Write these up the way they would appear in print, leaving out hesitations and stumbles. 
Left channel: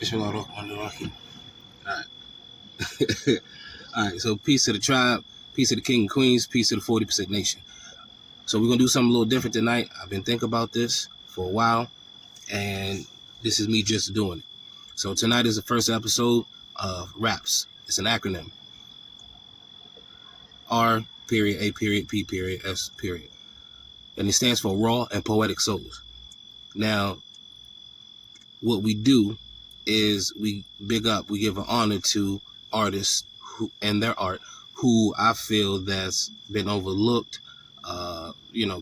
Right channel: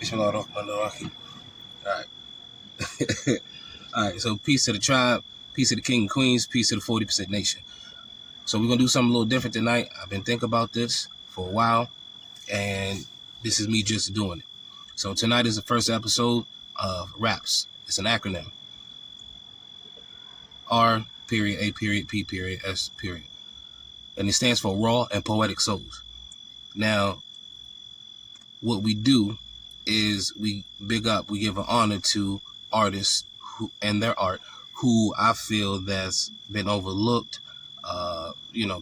Bismillahirrahmanirrahim. All right. All right. So peace to the tribe, peace to the king and queens, peace to the 40% nation. So we're going to do something a little different tonight. I've been thinking about this for a while, and this is me just doing it. So tonight is the first episode of R.A.P.S. It's an acronym. R period, A period, P period, S period. And it stands for Raw and Poetic Souls. Now, what we do is we big up, we give an honor to artists who and their art who I feel that's been overlooked,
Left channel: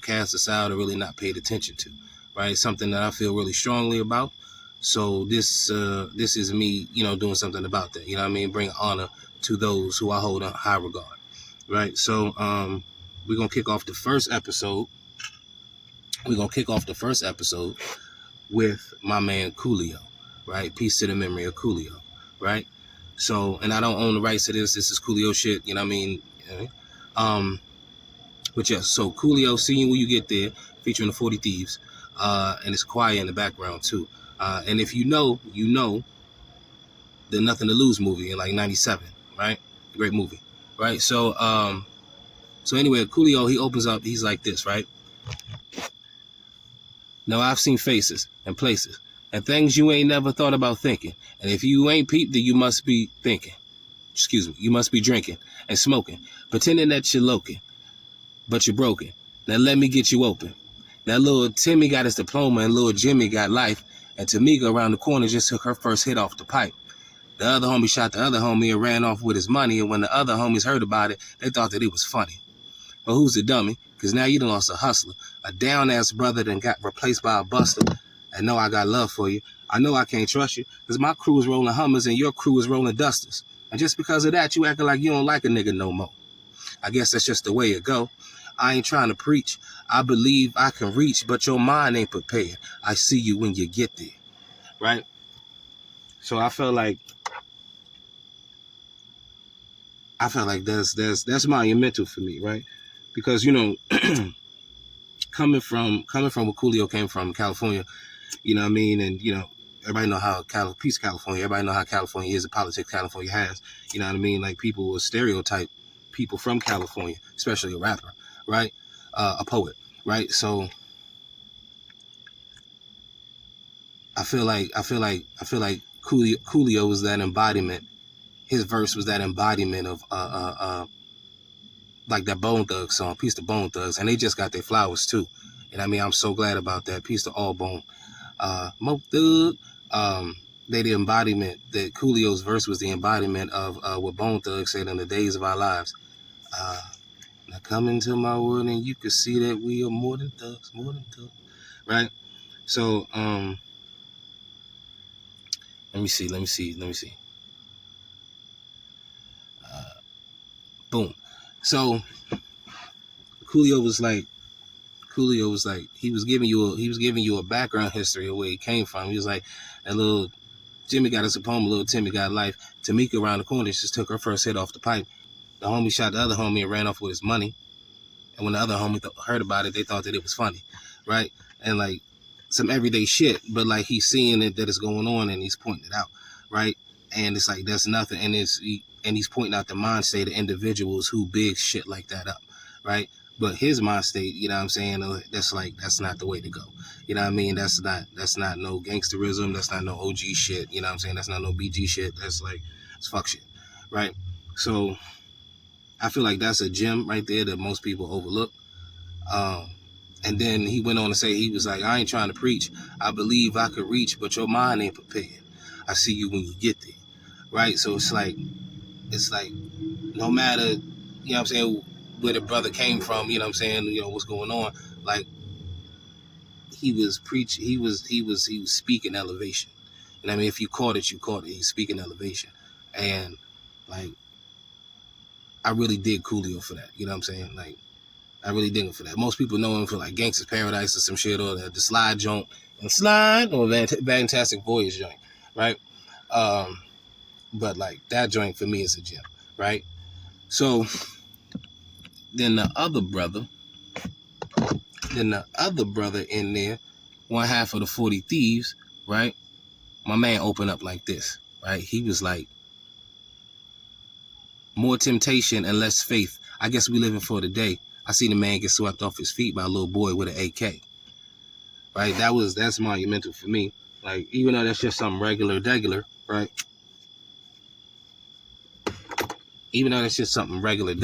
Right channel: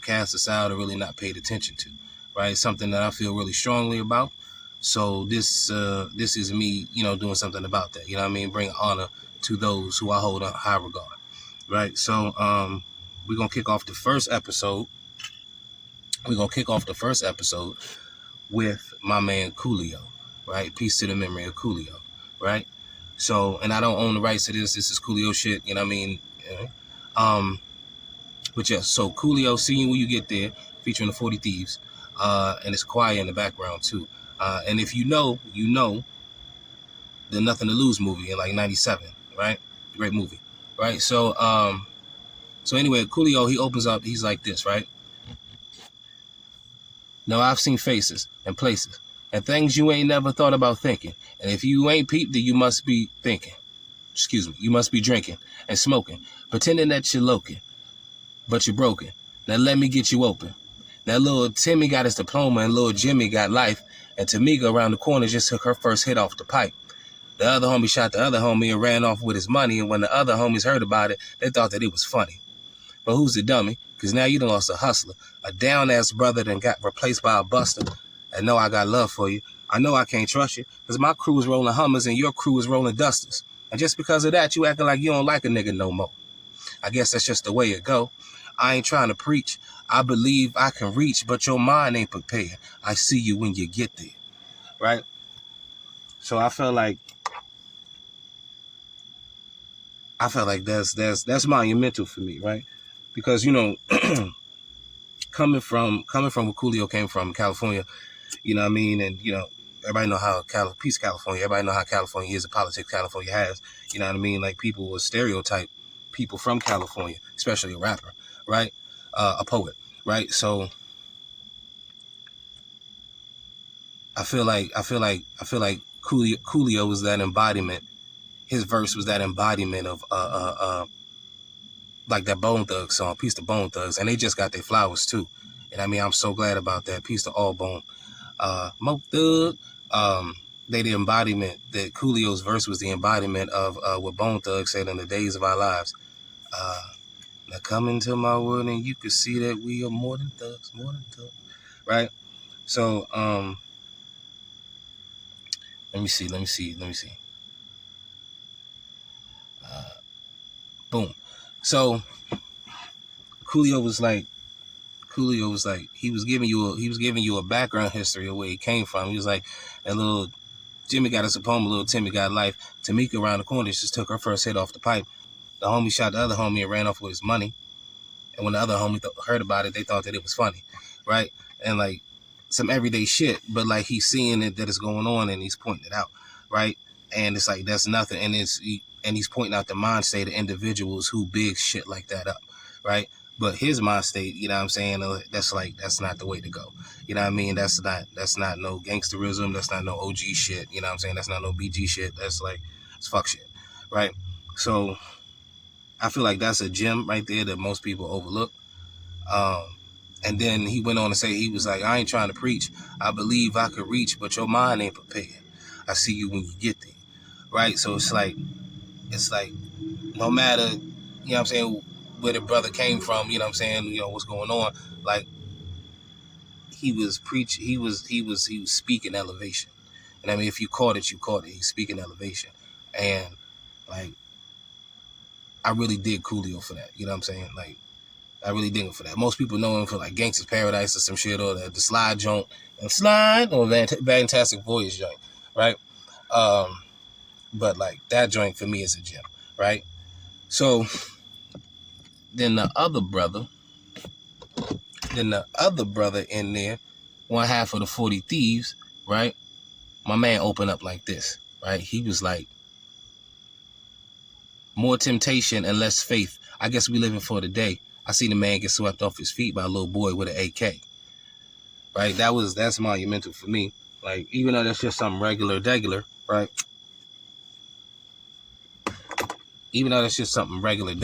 cast aside or really not paid attention to, right? Something that I feel really strongly about. So this is me, doing something about that. You know what I mean? Bring honor to those who I hold in high regard, right? So we're gonna kick off the first episode. With my man Coolio, right? Peace to the memory of Coolio, right? So, and I don't own the rights to this. This is Coolio shit, you know what I mean? But yeah, so Coolio, See You When You Get There, featuring the 40 Thieves, and it's quiet in the background too. And if you know the Nothing to Lose movie in like 97, right? Great movie, right? So anyway, Coolio, he opens up, he's like this, right? Now I've seen faces and places and things you ain't never thought about thinking. And if you ain't peeped, then you must be thinking. You must be drinking and smoking, pretending that you're loking, but you're broken. Now let me get you open. Now little Timmy got his diploma and little Jimmy got life. And Tamika around the corner just took her first hit off the pipe. The other homie shot the other homie and ran off with his money. And when the other homies heard about it, they thought that it was funny. But who's the dummy? Because now you done lost a hustler, a down-ass brother that got replaced by a buster. I know I got love for you. I know I can't trust you because my crew is rolling Hummers and your crew is rolling Dusters. And just because of that, you acting like you don't like a nigga no more. I guess that's just the way it go. I ain't trying to preach. I believe I can reach, but your mind ain't prepared. I see you when you get there, right? So I felt like that's monumental for me, right? Because coming from where Coolio came from, California, you know what I mean? And, everybody know how California, everybody know how California is, the politics California has, you know what I mean? Like people will stereotype people from California, especially a rapper, right? A poet, right? So I feel like Coolio was that embodiment. His verse was that embodiment of like that Bone Thugs song, Peace to Bone Thugs, and they just got their flowers too. And I mean, I'm so glad about that. Peace to all Bone. Mo Thug, they the embodiment, that Coolio's verse was the embodiment of what Bone Thug said in the days of our lives. Now come into my world and you can see that we are more than thugs, right? So, let me see. Boom. So Coolio was like, he was giving you a background history of where he came from. He was like, that little Jimmy got his diploma, little Timmy got life. Tamika around the corner just took her first hit off the pipe. The homie shot the other homie and ran off with his money. And when the other homie heard about it, they thought that it was funny, right? And like some everyday shit, but like he's seeing it that it's going on and he's pointing it out, right? And it's like that's nothing, and he's pointing out the mind state of individuals who big shit like that up, right? But his mind state, you know what I'm saying? That's not the way to go. You know what I mean? That's not no gangsterism. That's not no OG shit. You know what I'm saying? That's not no BG shit. That's like, it's fuck shit, right? So I feel like that's a gem right there that most people overlook. And then he went on to say, he was like, I ain't trying to preach. I believe I could reach, but your mind ain't prepared. I see you when you get there, right? So it's like no matter, you know what I'm saying, where the brother came from, you know what I'm saying, what's going on, like he was speaking elevation. And I mean, if you caught it, you caught it. He's speaking elevation. And like, I really dig Coolio for that. You know what I'm saying? Like, I really dig him for that. Most people know him for like Gangsta's Paradise or some shit, or the Slide joint and Slide, or Fantastic Voyage joint, right? But like that joint for me is a gem, right? So then the other brother in there, one half of the 40 Thieves, right? my man opened up like this, right? He was like, more temptation and less faith. I guess we living for the day. I seen a man get swept off his feet by a little boy with an AK. Right? That's monumental for me. Like, even though that's just something regular, right? Even though that's just something regular,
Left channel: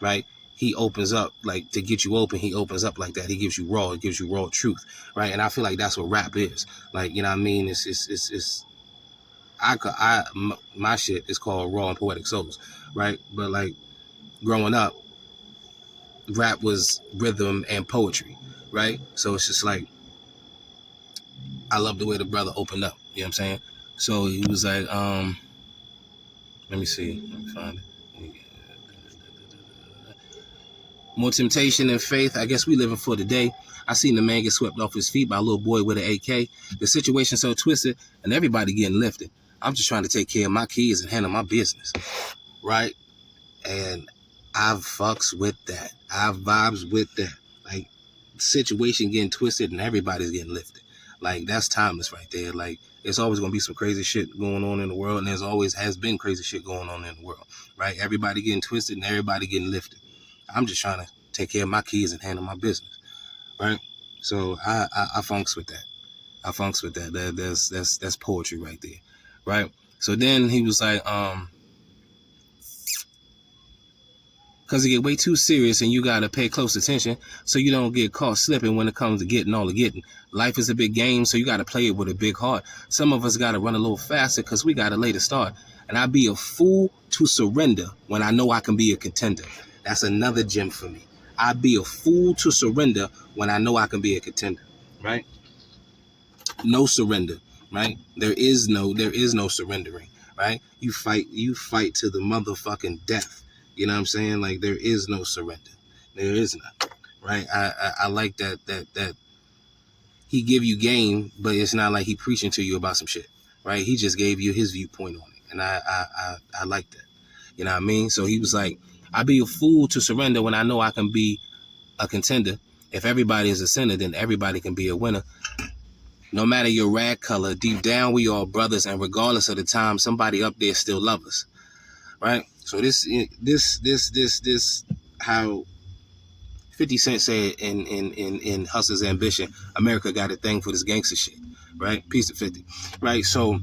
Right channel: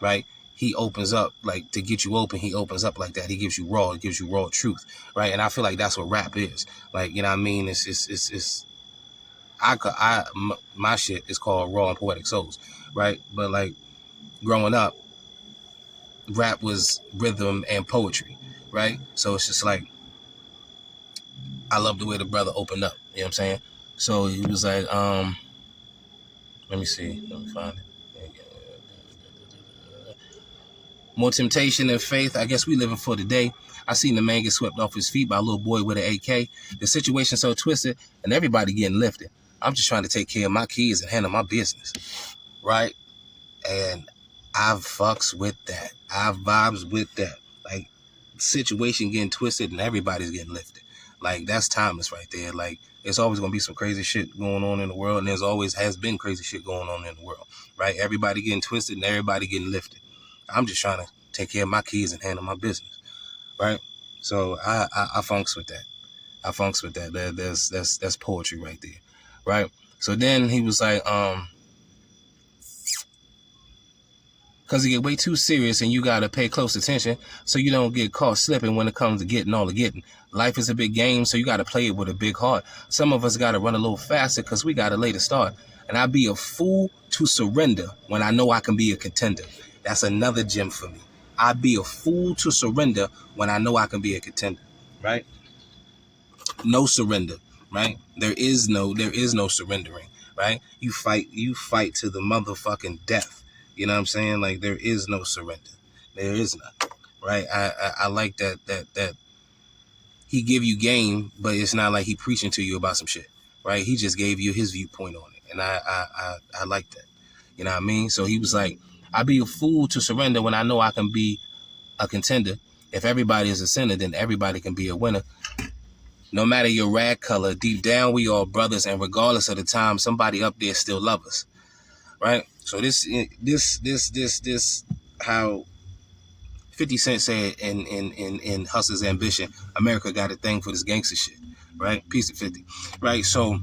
right? He opens up, like, to get you open, he opens up like that. He gives you raw truth, right? And I feel like that's what rap is. Like, you know what I mean? My shit is called Raw and Poetic Souls, right? But like, growing up, rap was rhythm and poetry, right? So it's just like, I love the way the brother opened up. You know what I'm saying? So he was like, let me see. Let me find it. More temptation than faith. I guess we living for the day. I seen the man get swept off his feet by a little boy with an AK. The situation so twisted and everybody getting lifted. I'm just trying to take care of my kids and handle my business, right? And I fucks with that. I vibes with that. Like, situation getting twisted and everybody's getting lifted. Like, that's timeless right there. Like, there's always gonna be some crazy shit going on in the world, and there's always has been crazy shit going on in the world, right? Everybody getting twisted and everybody getting lifted. I'm just trying to take care of my kids and handle my business, right? So I funks with that. I funks with that. That's poetry right there, right? So then he was like, because it get way too serious and you got to pay close attention so you don't get caught slipping when it comes to getting all the getting. Life is a big game, so you got to play it with a big heart. Some of us got to run a little faster because we got a later start. And I'd be a fool to surrender when I know I can be a contender. That's another gem for me. I'd be a fool to surrender when I know I can be a contender, right? No surrender, right? There is no surrendering, right? You fight to the motherfucking death. You know what I'm saying? Like, there is no surrender. There is none, right? I like that he give you game, but it's not like he preaching to you about some shit, right? He just gave you his viewpoint on it, and I like that. You know what I mean? So he was like, I'd be a fool to surrender when I know I can be a contender. If everybody is a sinner, then everybody can be a winner. No matter your rag color, deep down we all brothers, and regardless of the time, somebody up there still love us, right? So this how 50 Cent said in Hustler's Ambition, America got a thing for this gangster shit, right? Piece of 50, right? So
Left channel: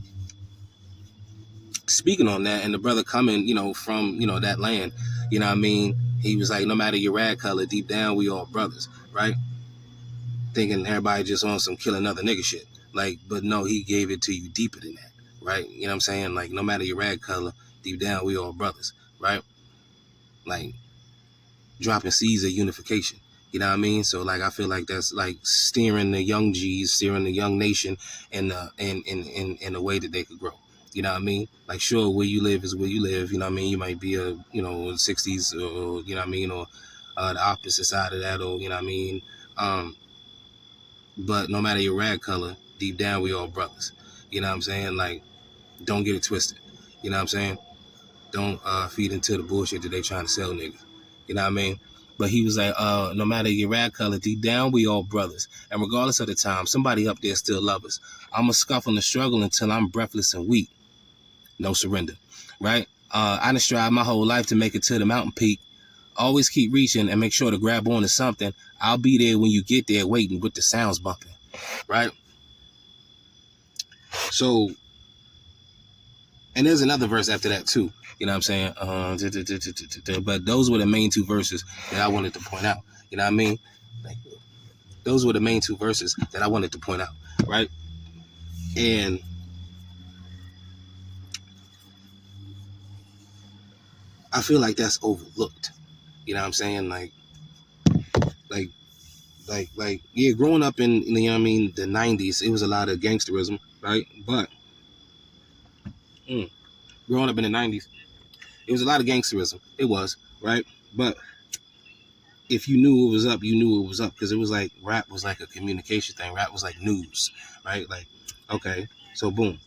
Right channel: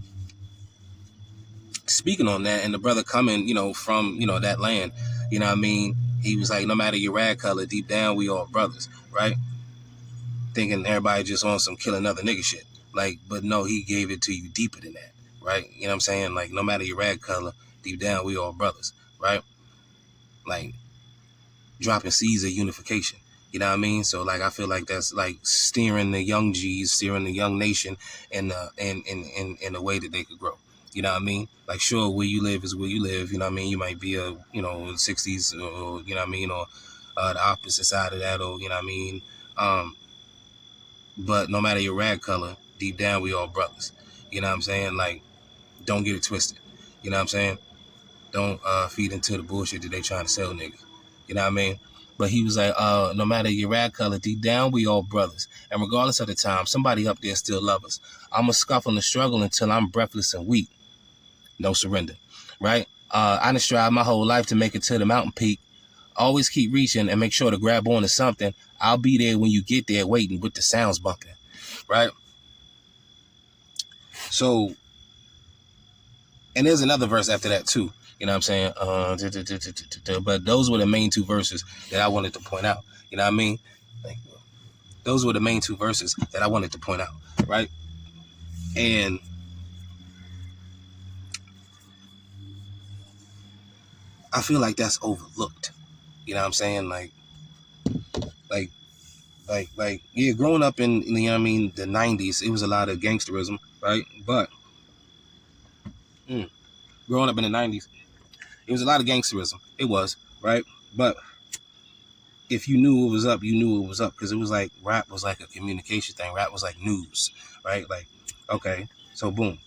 speaking on that, and the brother coming, from that land, you know what I mean? He was like, no matter your rag color, deep down we all brothers, right? Thinking everybody just on some kill another nigga shit. Like, but no, he gave it to you deeper than that, right? You know what I'm saying? Like, no matter your rag color, deep down, we all brothers, right? Like, dropping seeds of unification. You know what I mean? So, like, I feel like that's like steering the young G's, steering the young nation in a way that they could grow. You know what I mean? Like, sure, where you live is where you live. You know what I mean? You might be a, 60s, or, you know what I mean? Or the opposite side of that, or, you know what I mean? But no matter your rag color, deep down we all brothers. You know what I'm saying? Like, don't get it twisted. You know what I'm saying? Don't feed into the bullshit that they trying to sell niggas. You know what I mean? But he was like, no matter your rag color, deep down we all brothers. And regardless of the time, somebody up there still love us. I'ma scuff on the struggle until I'm breathless and weak. No surrender. Right? I done strive my whole life to make it to the mountain peak. Always keep reaching and make sure to grab on to something. I'll be there when you get there waiting with the sounds bumping. Right? So, and there's another verse after that too. You know what I'm saying? But those were the main two verses that I wanted to point out. You know what I mean? Those were the main two verses that I wanted to point out, right? And I feel like that's overlooked. You know what I'm saying? Like, yeah, growing up in you know what I mean, the 90s, it was a lot of gangsterism, right? But growing up in the 90s, it was a lot of gangsterism. It was, right? But if you knew it was up, you knew it was up, because it was like rap was like a communication thing. Rap was like news, right? Like, okay, so boom.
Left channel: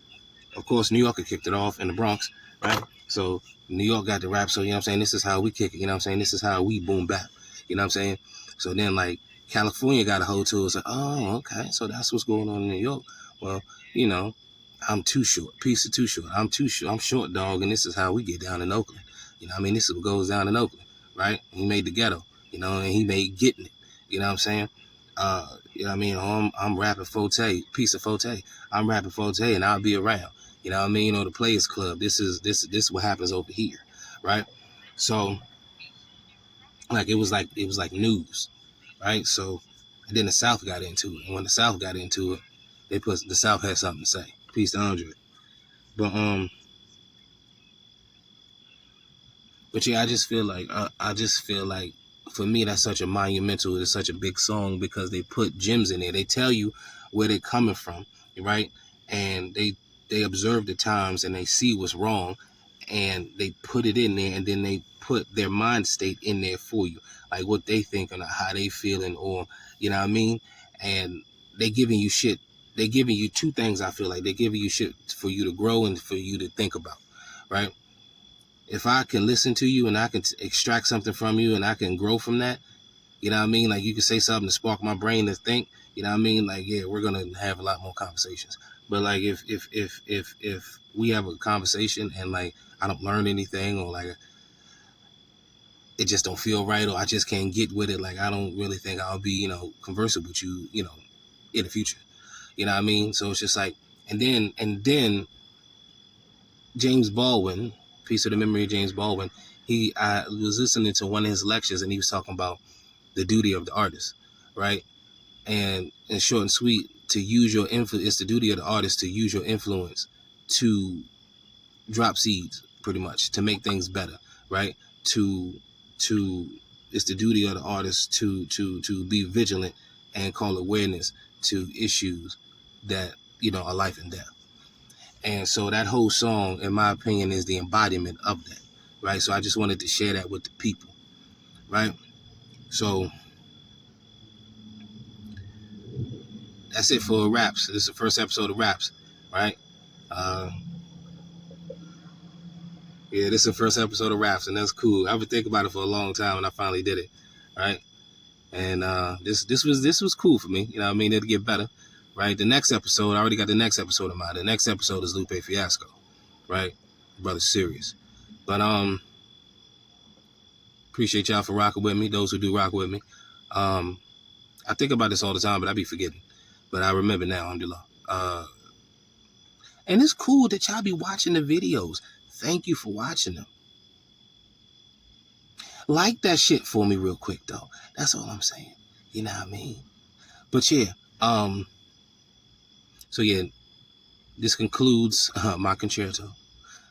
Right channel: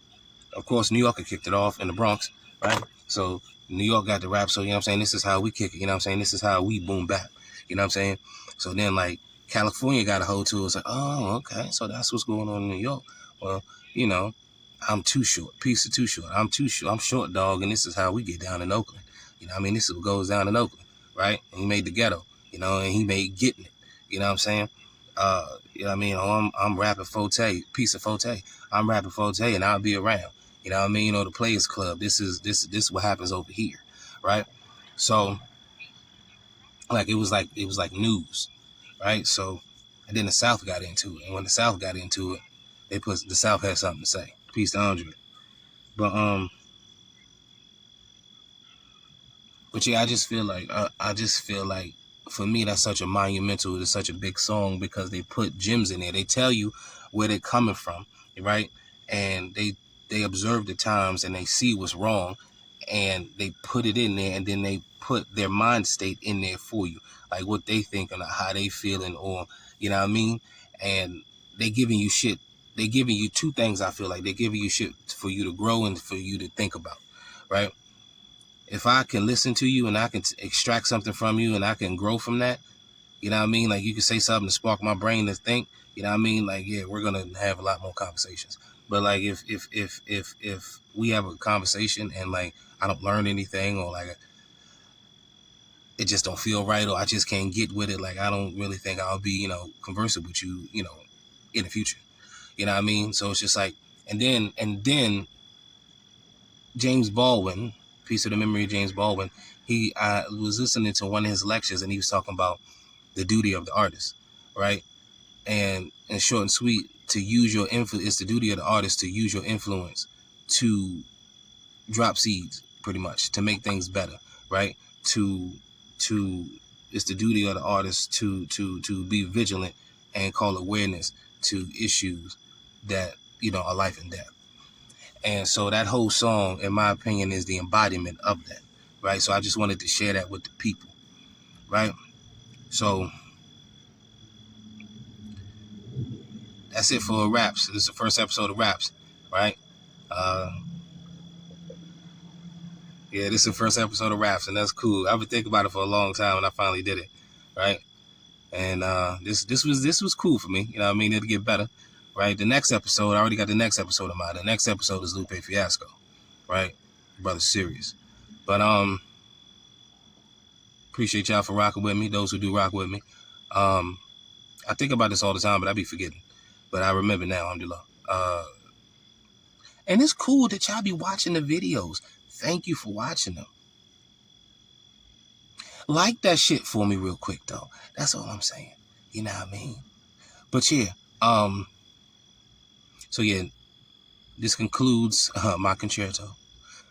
Of course, New York kicked it off in the Bronx, right? So New York got the rap. So, you know what I'm saying? This is how we kick it. You know what I'm saying? This is how we boom bap. You know what I'm saying? So then, like, California got a hold to it. It's like, oh, okay. So that's what's going on in New York. Well, you know, I'm too short. Piece of too short. I'm too short. I'm short, dog, and this is how we get down in Oakland. You know what I mean? This is what goes down in Oakland, right? And he made the ghetto, you know, and he made getting it. You know what I'm saying? You know what I mean? Oh, I'm rapping Forte, piece of Forte. I'm rapping Forte, and I'll be around. You know what I mean? You know, the Players Club. This is what happens over here, right? So, like it was like news, right? So, and then the South got into it, and when the South got into it, the South had something to say. Peace to Andre. But But yeah, I just feel like for me that's such a monumental, it's such a big song because they put gems in there. They tell you where they're coming from, right? And they observe the times and they see what's wrong and they put it in there and then they put their mind state in there for you. Like what they thinking or how they feeling or you know what I mean? And they giving you shit. They giving you two things I feel like. They're giving you shit for you to grow and for you to think about, right? If I can listen to you and I can extract something from you and I can grow from that, you know what I mean? Like you can say something to spark my brain to think, you know what I mean? Like, yeah, we're gonna have a lot more conversations. But like if we have a conversation and like I don't learn anything or like it just don't feel right or I just can't get with it, like I don't really think I'll be, you know, conversing with you, you know, in the future. You know what I mean? So it's just like and then James Baldwin, piece of the memory of James Baldwin, I was listening to one of his lectures and he was talking about the duty of the artist, right? And in short and sweet, to use your influence, it's the duty of the artist to use your influence to drop seeds, pretty much, to make things better, right? To it's the duty of the artist to be vigilant and call awareness to issues that, you know, are life and death. And so that whole song, in my opinion, is the embodiment of that, right? So I just wanted to share that with the people, right? So that's it for Raps. This is the first episode of Raps, right? Uh, yeah, this is the first episode of Raps, and that's cool. I've been thinking about it for a long time, and I finally did it, right? And this was cool for me. You know what I mean? It'll get better, right? The next episode, I already got the next episode in mind. The next episode is Lupe Fiasco, right? Brother serious. But appreciate y'all for rocking with me. Those who do rock with me. I think about this all the time, but I be forgetting. But I remember now, alhamdulillah. And it's cool that y'all be watching the videos. Thank you for watching them. Like that shit for me real quick, though. That's all I'm saying. You know what I mean? But yeah, so yeah, this concludes my concerto,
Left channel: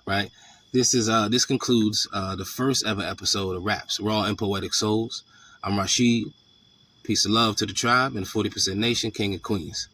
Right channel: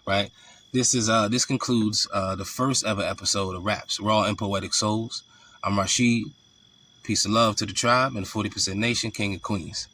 right? This concludes the first ever episode of Raps, Raw and Poetic Souls. I'm Rasheed. Peace and love to the tribe and 40% Nation, King and Queens.